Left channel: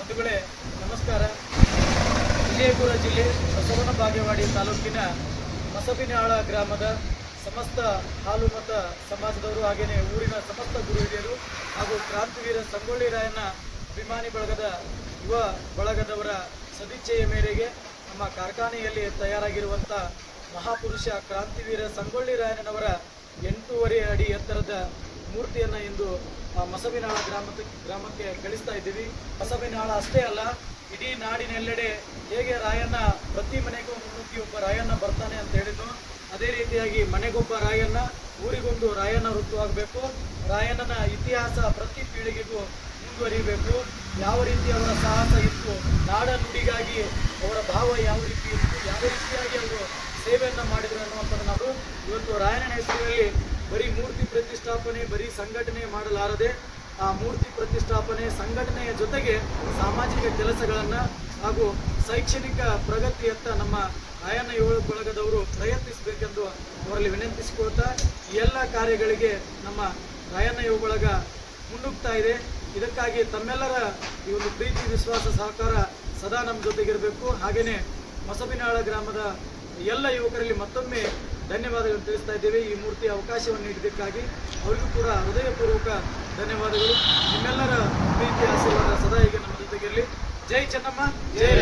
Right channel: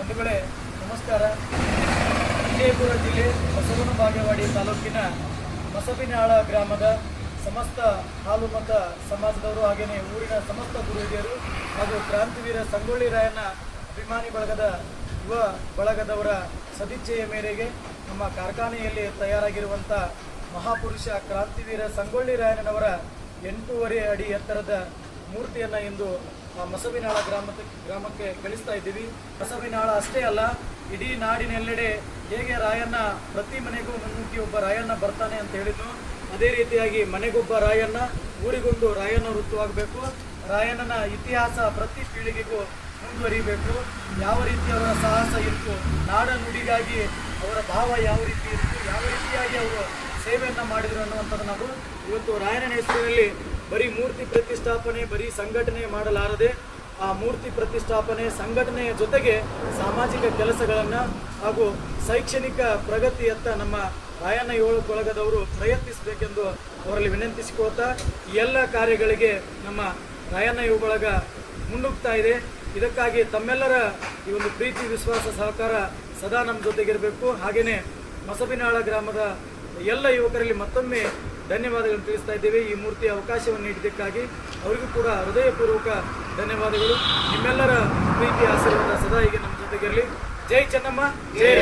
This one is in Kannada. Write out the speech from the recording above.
ಒಂದು ವೇಳೆ ನಮಸ್ಕಾರ. ವಿಜಯಪುರ ಜಿಲ್ಲೆ ಬಸವನ ಬಾಗೇವಾಡಿ ತಾಲೂಕಿನ ಮಸಬಿನಾಳ ಗ್ರಾಮದ ಸಮಸ್ತ ಹಾಲು ಮತ ಸಮಾಜದವರು ಹಾಗೆಯೇ ಊರಿನ ಸಮಸ್ತ ಗುರುಹಿರಿಯರು ಹಾಗೂ ಕ್ರಾಂತಿವೀರ ಸಂಗೊಳ್ಳಿ ರಾಯನ ಅಭಿಮಾನಿ ಬಳಗದ ಯುವ ಬಳಗದವರ ಸದಿಚ್ಛೆಯ ಮೇರೆಗೆ ನಮ್ಮ ಕಾರ್ಖಾನೆಯಲ್ಲಿ ತಯಾರಾಗಿರುವಂಥ ಮಹಾಪುರುಷ ಕ್ರಾಂತಿವೀರ ಸಂಗೊಳ್ಳಿ ರಾಯನವರ ಎಂಟೂವರೆ ಅಡಿ ಎತ್ತರದ ಮೂರ್ತಿಯನ್ನು ಇಂದು ಮಸಬಿನಾಳ ಗ್ರಾಮ ಗ್ರಾಮಕ್ಕೆ ಕಳಿಸ್ತಾ ಇದ್ದೀವಿ. ಮಸಬಿನಾಳ ಅಷ್ಟೇ ಅಲ್ಲ, ಇಡೀ ನಾಡಿನೆಲ್ಲೆಡೆ ಹೇಗೆ ರಾಯಣ್ಣ ಪ್ರತಿ ಮನೆಗೂ ಮುನ್ನುಗ್ಗಿ ಒಬ್ಬ ರಾಯಣ್ಣ ಬರ್ತಾನೆ ಅಂತ ಹೇಳಿದ್ದು ಅದೇ ರೀತಿಯಾಗಿ ಮನೆಗೊಬ್ಬ ರಾಯಣ್ಣ, ಊರಿಗೊಂದು ರಾಯಣ್ಣ ವೃತ್ತವಾಗಬೇಕು ರಾಯಣ್ಣನ ಇತಿಹಾಸ ಪ್ರತಿ ಪೀಳಿಗೆಗೂ ಮುಂದುವರಿಬೇಕು ಯಾವ ರೀತಿ ಅವರ ಸಾಹಸ ಇತ್ತು ನಾಡ ನುಡಿಗಾಗಿ ಅವರ ಭಾವ ಯಾವ ರೀತಿ ಇತ್ತು, ಯಾವ ರೀತಿಯಾಗಿ ಅವರು ಸೇವೆಯನ್ನು ಮಾಡಿದರು ಅನ್ನುವಂಥದ್ದು ನಾವು ಇವತ್ತು ರಾಯಣ್ಣನ ಹೆಸರಿನಲ್ಲಿ ಬರೀ ಮೂರ್ತಿ ಪ್ರತಿಷ್ಠಾಪನೆ, ಬರೀ ಸಂಘಟನೆ ಮಾಡಲಾರದೆ, ಆ ಮೂರ್ತಿ ಪ್ರತಿಷ್ಠಾಪನೆ ಸಂಘಟನೆಯ ಜೊತೆಗೆ ಸಾಮಾಜಿಕ ಕೆಲಸಗಳನ್ನು ಹಾಗೂ ಶೈಕ್ಷಣಿಕ ಪ್ರಗತಿಯತ್ತ ನಮ್ಮ ರಾಯಣ್ಣ ಏಳು ಬಳಗದವರು ಪ್ರಯತ್ನಿಸಬೇಕೆಂದು ಅವರಲ್ಲಿ ವಿನಂತಿಸಿಕೊಳ್ತಾ ಎಲ್ಲ ಕಾರ್ಯಗಳಿಗೆ ನಮ್ಮ ರಾಯಣ್ಣ ಯುವ ಬಳಗ ಮುನ್ನುಗ್ತಾ ಇದೆ. ಇದಕ್ಕಾಗಿ ತಮ್ಮೆಲ್ಲರ ಈ ಒಂದು ಪ್ರೀತಿ, ವಿಶ್ವಾಸ, ಸಹಕಾರ ಸದಾ ನಮ್ಮ ಜೊತೆಗಿರಬೇಕು. ಹಾಗೆಯೇ ಮಸಬಿನಾಳ ಗ್ರಾಮದ ಎಲ್ಲ ಯುವಕರಲ್ಲಿ ಮತ್ತೊಮ್ಮೆ ಧನ್ಯವಾದಗಳನ್ನು ತಿಳಿಸ್ತಾ ಇದ್ದೇವೆ. ಈ ಮೂರ್ತಿಯ ಅವಕಾಶವನ್ನು ನೀಡಿದ್ದಕ್ಕಾಗಿ ಅವರಿಗೂ ಕೂಡ ಹೃದಯಪೂರ್ವಕ ಧನ್ಯವಾದಗಳು. ನಿಮ್ಮೆಲ್ಲರ ಪ್ರೀತಿ ಆಶೀರ್ವಾದ ಸದಾ ಈಗ ನಮ್ಮ ಜೊತೆಗಿರಲಿ. ಜೈ ಚೆನ್ನಮ್ಮ, ಜೈ.